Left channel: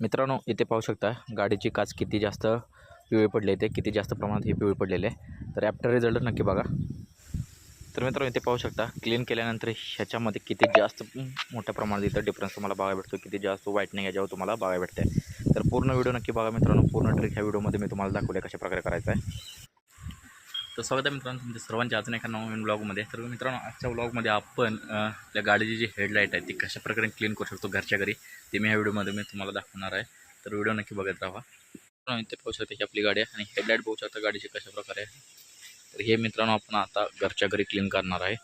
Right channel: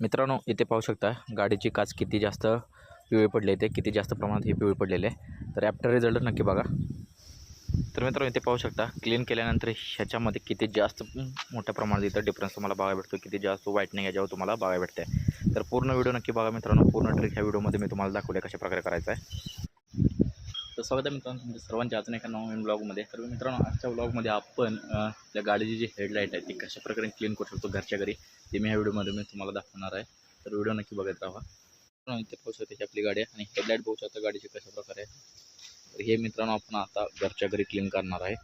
मित्रांनो, इथे पाहू शकता गाडीची काच किती जास्त पिवळी पडली आहे, ते किती जास्त प्रमाणात हे पिवळी पडलेले आहे. तर ॲफ्टर रिझल्ट नक्की बघा. तर मित्रांनो, इथे पाहू शकता क्लीन केल्यानंतर ह्याच्यामध्ये किती जास्त मोठ्या प्रमाणात इथं डिफरन्स तुम्हाला बघायला भेटतो, किती जास्त व्हाईटनिंग याच्यावर तुम्हाला बघायला भेटते. तर पूर्ण व्हिडिओ नक्की बघा मित्रांनो. पूर्ण ट्रिक ह्या व्हिडिओमध्ये मी तुम्हाला दाखवले कशा प्रकारे करायचं आहे. तर स्वागत आहे मित्रांनो तुमच्या सर्वांच्या अजून एका नवीन ब्लॉगमध्ये. तर मित्रांनो, आजच्या ब्लॉगमध्ये आपण आपल्या गाडीची जी हेडलाईट आहे ती कशा प्रकारे क्लीन करू शकतो घरच्या घरी, ते मी ह्या व्हिडिओमध्ये मी तुम्हाला दाखवणार आहे. तर व्हिडिओ नक्की बघत राहा. इथे पाहू शकता की आपली गाडी आहे आणि हेडलाईट पाहू शकता गाडीची कशा प्रकारे आहे. तर हे मित्रांनो आपण आता घरच्या घरी क्लीन करणार आहे.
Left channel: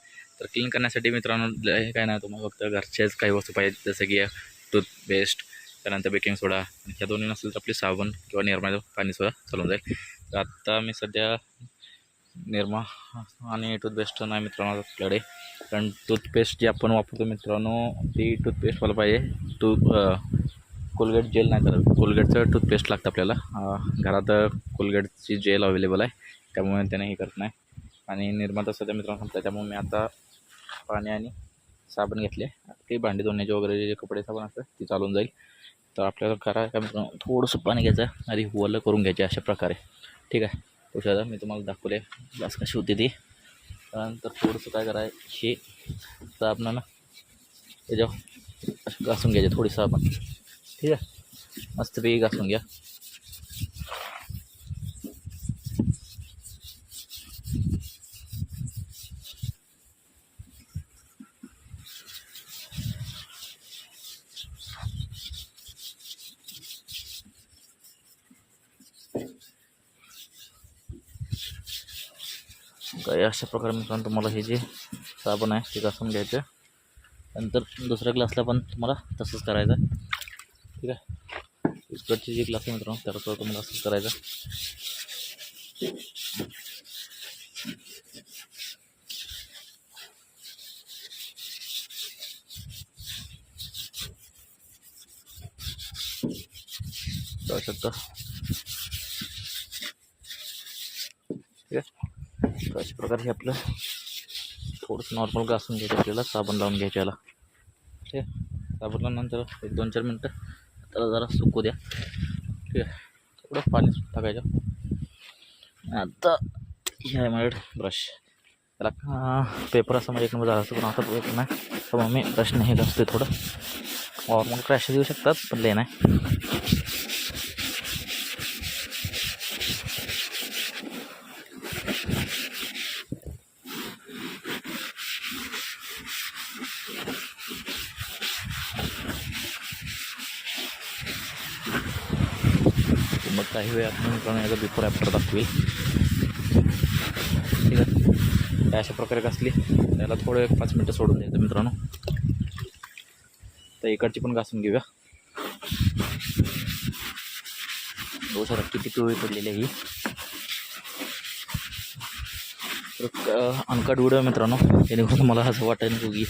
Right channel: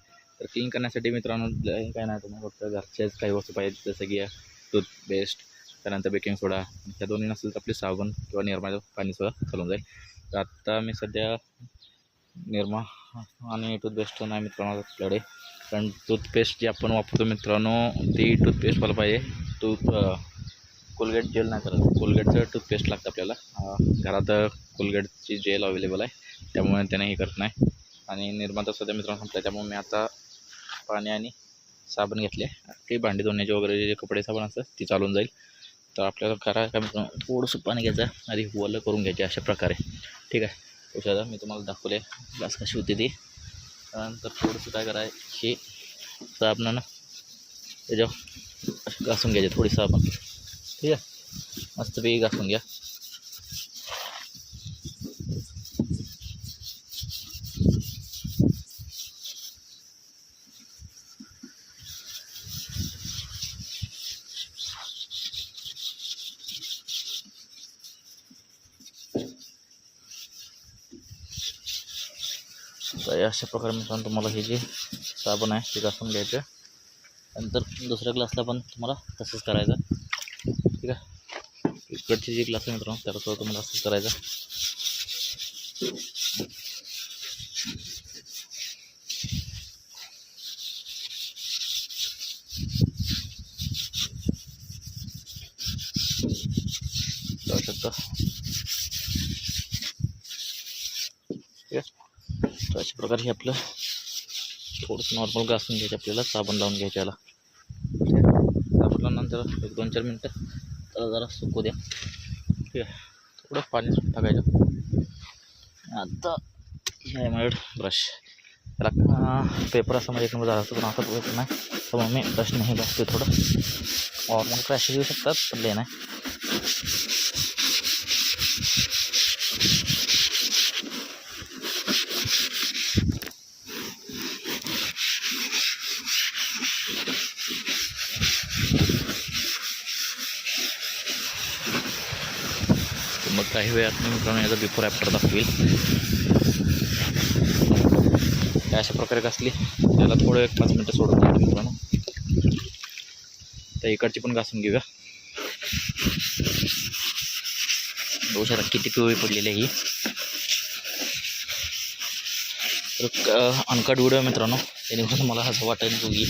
तर क्लीन करण्यासाठी मित्रांनो हे काय नाही, तुम्हाला फक्त घरच्याच काही वस्तू पाहिजे, जसं की टूथपेस्ट, त्यानंतर बेकिंग सोडा, आणि ह्या दोन्ही नसेल तर आपली साबण किंवा निरमाचं पाणीसुद्धा चालून जाईल. तर आत्ता मी सध्या निरमा आणि टूथपेस्ट नाही मित्रांनो आपल्याकडे, कारण टूथपेस्ट जी आपण वापरतो मित्रांनो ती टूथपेस्ट मला पाहिजे कोलगेट जेल नाही, तर कोलगेटचं टूथपेस्ट लागतं आपल्याला. घरात कोलगेटची जेल अवेलेबल आहे, त्यामुळे त्याने हे करत नाही. आणि निर्माता सध्या मित्रांनो संपला, त्यामुळे मी आता पाणी आणि साबण घेतले. ते भांडी धुण्याचे वगैरे जे कपडे साबण असतं ती चालून जाईल. तर आपल्याला करायचं काय मित्रांनो, थोडंसं पाणी घ्यायचं आणि ओलं करून घ्यायचे अशा प्रकारे. ठीक आहे, औषधं मी तुम्हाला दाखवले ग्लास कशी होती ती. त्यानंतर थोडंसं काय करायचं, हे साबणानं त्याच्यावर घासून घ्यायचे, थोडी साबण. ठीक आहे, मस्तपैकी घासून घ्या. काय अशा प्रकारे मित्रांनो तुम्हाला हे जे साबण आहे ते घासून घ्यायचं. नंतर दुसऱ्या ग्लासला पण तुम्हाला तसंच करायचं. ठीक आहे, इकडची जी ग्लास आहे मित्रांनो त्याला सुद्धा तुम्हाला असंच करायचं. करू शकता. ठीक आहे, तर अशा प्रकारे हे आपलं थोडंसं नॉर्मल घासून घ्यायचं, आपल्याला साबण लावून घ्यायचं याला. ठीक आहे, साबण लावल्यानंतर 1-2-4 मिनटं त्याला जरा सुकू द्या. ठीक आहे, थोडं पाणी टाकायचं. आता हे माझ्याकडे ब्रश, त्याला पेपर असं माझ्या एक झालं असतं, पण आता पेपर नाही, त्यामुळे मी ब्रश नाही घासते. थोडं नॉर्मल क्रॅश येऊ शकतात, पण ले नाही. मग काही वेळात मी मित्रांनो याचा बिफोर आफ्टर दाखवेल. अशा प्रकारे घासली, त्याला थोडं 1-5 मिनटं सोडून द्यायचं मित्रांनो. तर इकडची पण घासून घेऊया. बघू शकता किती पिवळी पडलेली आहे ही. तर अनकट व्हिडिओ मित्रांनो, त्याने मला असं वाटायला नको की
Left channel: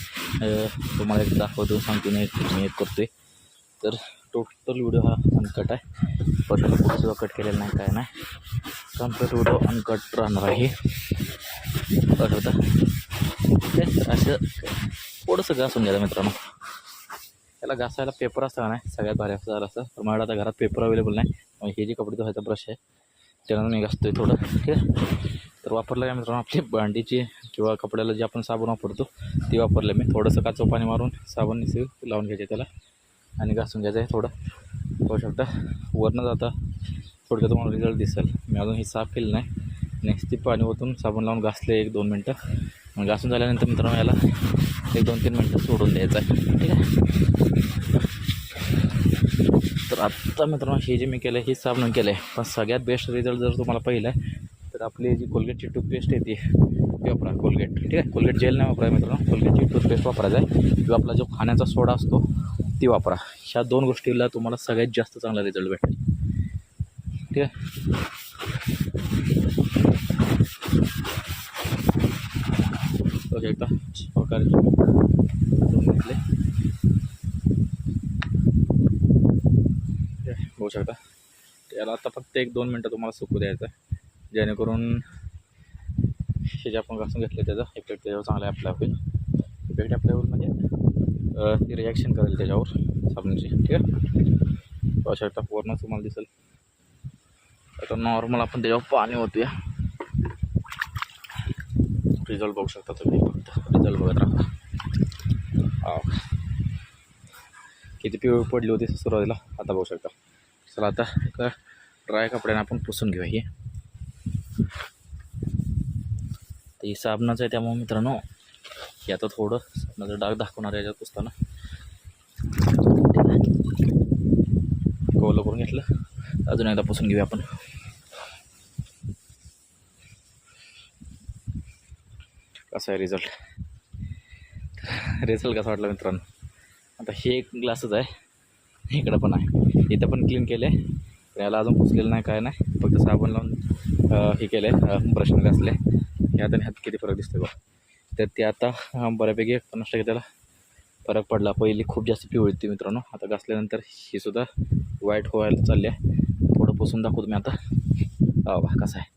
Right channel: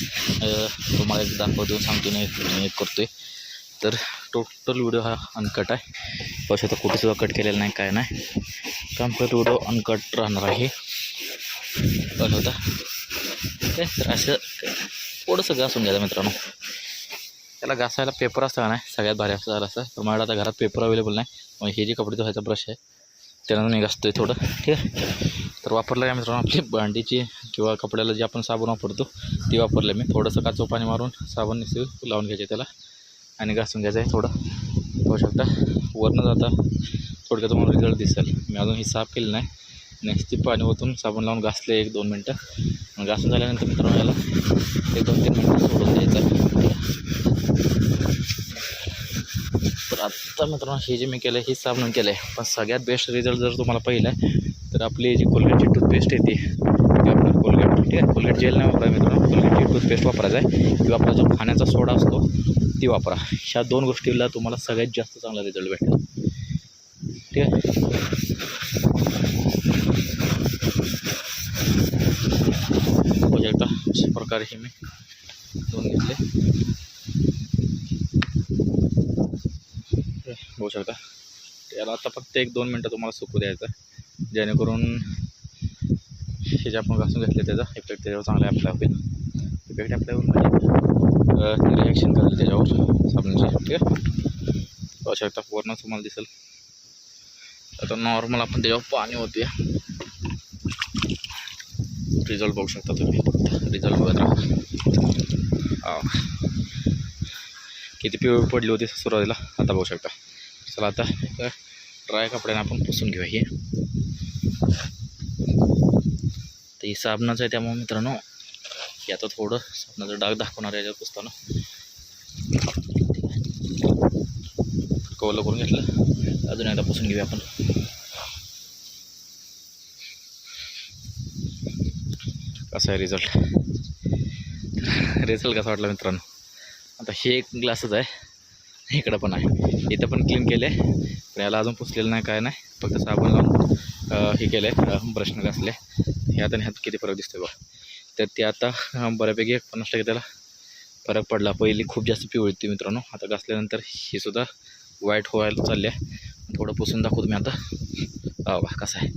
तुम्हाला एक दाखवतो, सांगतो नाही करतोय. तर टोटल व्हिडिओ हा अनकट आहे. पैसा तर कुठेसुद्धा कट केलेला नाही, काय नाही, कम्प्लीट व्हिडिओ अनकट राहणार आहे. बस होता. ठीक आहे, तर असं थोडंसं घासून घ्यायचं मित्रांनो. त्याला घासायला पेपर असतं का नाही, सगळ्यात भारी असं झालं असतं. तर माझ्या आता घरात पेपर अवेलेबल नाही, मग हे जे कपडे धुवायचा ब्रश आहे त्यानं मी घासतोय थोडं. ठीक आहे, तर वापरलं काय मित्रांनो, आपली भांडीची किंवा कपड्याला जे आपण साबण वापरतो ती वापरलं मी. थोडंसं काचं पाणी मारून साबण निसू लावून घ्यायचे त्याला आणि घासून घ्यायचं आहे थोडं. पाहू शकता वरनं जाता थोडक्यात तुम्हाला रिझल्ट दिसेल. मी अजून ही साफ केली नाही, नेक्स्ट पाणी ओतून साबण लावून घासले 1-2 मिनटं. मग घासून झाल्यानंतर मित्रांनो याला 1-2-3 मिनटं सोडून द्यायचं आहे. ठीक आहे, तर आत्ता मित्रांनो हे जे मी केलं आहे हे साबण केलं आहे, पण सगळ्यात बेस्ट रिझल्ट जर तुम्हाला पाहिलं आहे तर आपली जी कोलगेटची टूथपेस्ट येते ती आपलं कोलगेट. ठीक आहे, कोलगेट जेल नाही वापरायचं मित्रांनो, कोलगेटची टूथपेस्ट वापरायचं आहे, किंवा आपला जो खाण्याचा सोडा असतो ती वापरा. ह्या 2 गोष्टीला तुम्हाला सगळ्यात जास्त चांगला रिझल्ट भेटेल. ठीक आहे, बघू शकता अशा प्रकारे हे मी धुवून घेतले. बघू शकता त्याला आता फक्त 1-2 मिनटं तुम्हाला सुकू द्यायचं, जेणेकरून हे जे आपण घासून घेतले त्याचा इफेक्ट त्याच्यावर चांगला अप्लाय होईल. इफेक्ट अप्लाय होईल म्हणजे ती रिॲक्शन करेल त्याच्यावर साबणाची. ठीक आहे, पाहू शकता पूर्ण तुम्हाला दिसेल. आता नॉर्मल आपण त्याच्यावर पाणी होतोय. रिझल्ट बघू शकता तुम्ही, फक्त रिझल्ट बघत राहा. किती पिवळी पडली होती सुरुवातीला, आता बघू शकता. चला आता एक ड्राय कपड्याने आपण पुसून घेऊया. हे तर ही साबणाचं आहे, त्यामुळे मित्रांनो हे आता थोडं साबणाचं डाग दाखवणार आहे याच्यात पुसताना. कवलं करून घेतलं, अजून एकदा पुसून घेऊया आपण. कसा आहे रिझल्ट कसा वाटला मित्रांनो. आता हे एक ग्लासच आहे, इकडं पण आहे, इथं पण क्लीन केले, पण याला अजून पुसलेलं नाही, काय नाही, फक्त साबण लावून हे केलं आहे, ब्रशने घासले. ह्यात आणि ह्यात किती फरक दिसतोय बा. तर ते आता बऱ्यापैकी 50% त्याला फरक पडला. पहिली खूप जास्त पिवळी होती मित्रांनो, आता घासल्यानंतर ही सुद्धा व्हाईट व्हायला चालली आहे. थोडं पुसून दाखवतो मी आता. बा कसा आहे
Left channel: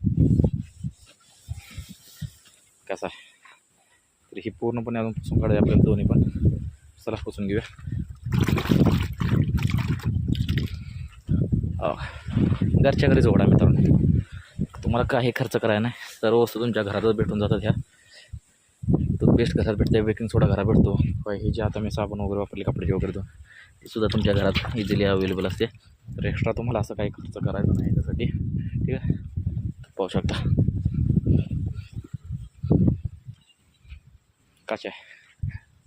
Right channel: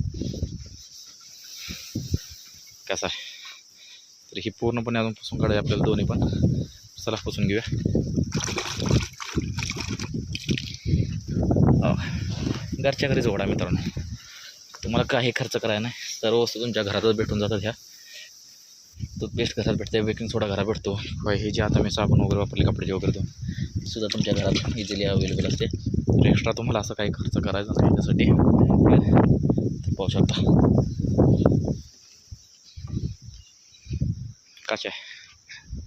तर ही पूर्णपणे अजून पुसून काढायची आपल्याला दोन्ही पण. चला पुसून घेऊया. घरच्या घरी जोडा मित्रांनो, तुम्हाला काही खर्च करायला नाही, सर्व वस्तू तुमच्या घरातच भेटून जातात. ह्या टूथपेस्ट घरात भेटते, बेकिंग सोडा घरात भेटतो, हे जे आता मी साबण वगैरे वापरले कपड्याचे वगैरे ती सुद्धा तुमच्या घरात इझिली अवेलेबल असते. तर एक्स्ट्रा तुम्हाला असं काही खर्च करायचा नाही त्यासाठी. पाहू शकता कशा आहे,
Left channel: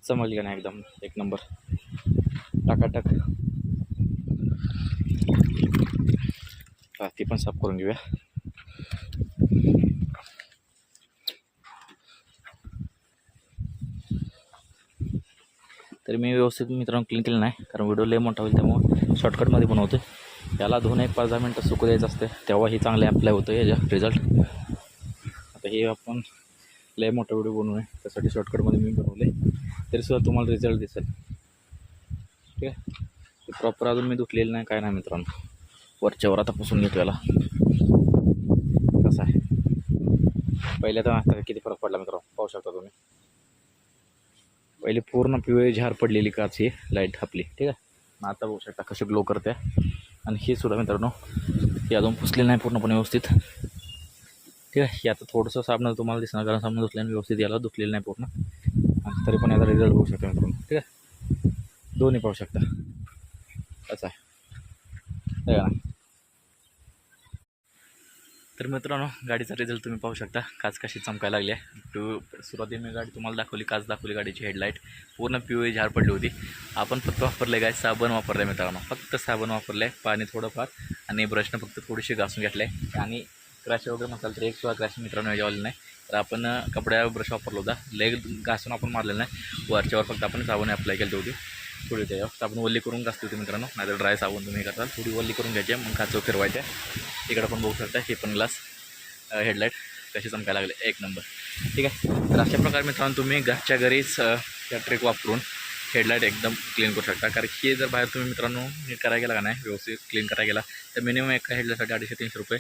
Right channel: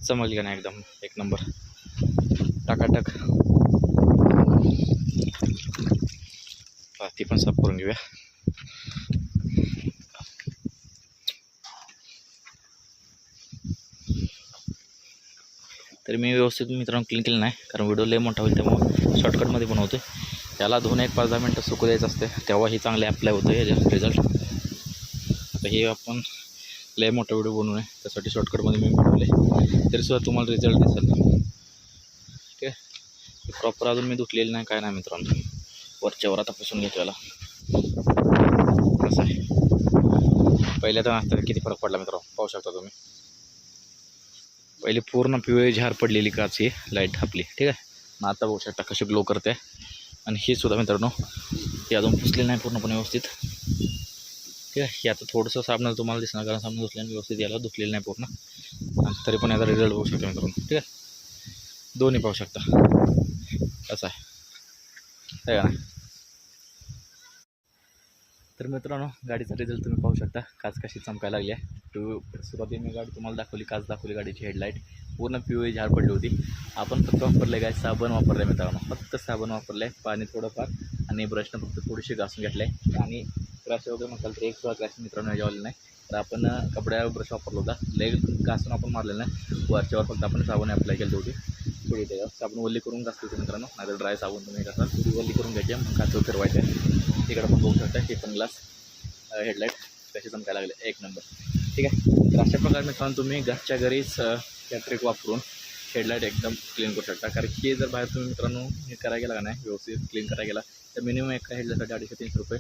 समजली का नाही, एकदम एक नंबर टाकाटक. ती पण साफ करून घेऊया. तरी मी व्यवस्थित मित्रांनो क्लीन केलं नाही, कारण व्हिडिओ लय मोठा होईल, त्यामुळे शॉर्टकटमध्ये बनवतो. याला धुवून एक 5-10 मिनटं सुकू द्यायचं असते, तेव्हा ही चांगले अप्लाय होतं याचा रिझल्ट. आता हे आपण लय मोठा व्हिडिओ बनवू नये, त्यासाठी शॉर्टकटमध्ये मी बनवले, तरीसुद्धा तुम्हाला रिझल्ट दिसेल. ठीक आहे, प्रॉपर अजून मी धुतलेलं नाही, काय नाही मित्रांनो. वरच्यावर आता पुसून घेतो याला. कसं आहे पहिल्या तर आता किती फरक पडला मित्रांनो, पाहू शकता तुम्ही. पहिले पूर्ण पिवळी झार पडलेली काच ही लाईट आपली. ठीक आहे, मग आता बघू शकता कशी ग्लो करते. आणि हे सुद्धा मित्रांनो हे अजून पुसले नाही पूर्णपणे व्यवस्थित. ठीक आहे, हे आता थोडंसं साबणाचं तुम्हाला दिसणार, कारण साबण धुतल्याने व्यवस्थित याला धुतलेलं नाही पूर्ण. आणि तरी पण याचा रिझल्ट बघू शकता मित्रांनो. ठीक आहे, दोन्ही पाहू शकता कसं आहे का. तर मित्रांनो गाडीचा रिझल्ट तुम्ही पाहू शकता, काच कशी चमकायला लागली आहे. सुरुवातीला मी गाडी तुम्हाला दाखवली, काच दाखवली, गाडीची हेडलाईट पूर्ण पिवळी झार पडली होती. आपण फक्त वापरले काय, साबण वापरलं आहे मित्रांनो, फक्त साबण वापरलं आहे, पाणी थोडंफार आणि ब्रशनं फक्त थोडीशी घासून घेतलं आहे. आणि क्रॅश वगैरे म्हणाल तर एक सुद्धा क्रॅश मित्रांनो याच्यावाले नाही. तर आपण कपड्यावर ब्रश वापरला होता, लेग घासून आपण मारलेलं नाही, वरच्यावर फक्त आपण साबण अप्लाय केली होती. थोडी त्याच्यावर साबण वल्ली करून घासली होती मित्रांनो, नाहीतर ड्राय साबण तुम्ही करता, थोडी वल्ली करून घ्यायची, मग काचव फिरवायचे. इकडं पण बघू शकता, हे पण ग्लास हेडलाईट कशी चमकायला लागले, एक नंबर. ठीक आहे, तर अशा प्रकारे मित्रांनो तुम्ही घरच्या घरीच या ट्रिक वापरून हेडलाईट एकदम क्लीन करू शकता. कारण हे जर बाहेर तुम्ही मित्रांनो नीट करायला गेला का नाही, व्यवस्थित क्लीन करायला गेला, तर मिनिमम एका हेडलाईटसाठी 250-300 रुपये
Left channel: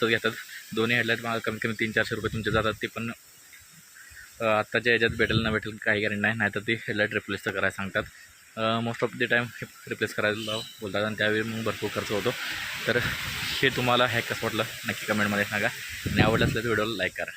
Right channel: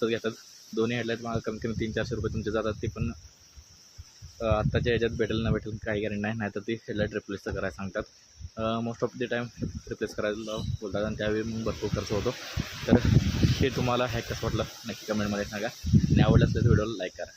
सहज घेतात. दोन्ही हेडलाईट मला कमी कमी 300-400 रुपये तुमचे जातात. ते पण आत्ताच्या ह्याच्यात भेटेल ना भेटेल काही गॅरंटी नाही, नाहीतर ती हेडलाईट रिप्लेस तर करायला सांगतात. Most of the time replace करायला बोलतात, आणि त्यावेळी मग भरपूर खर्च होतो. तर हे तुम्हाला हॅक कसं वाटलं नक्की कमेंटमध्ये सांगा, आणि आवडलं असलं तर व्हिडिओला लाईक करा.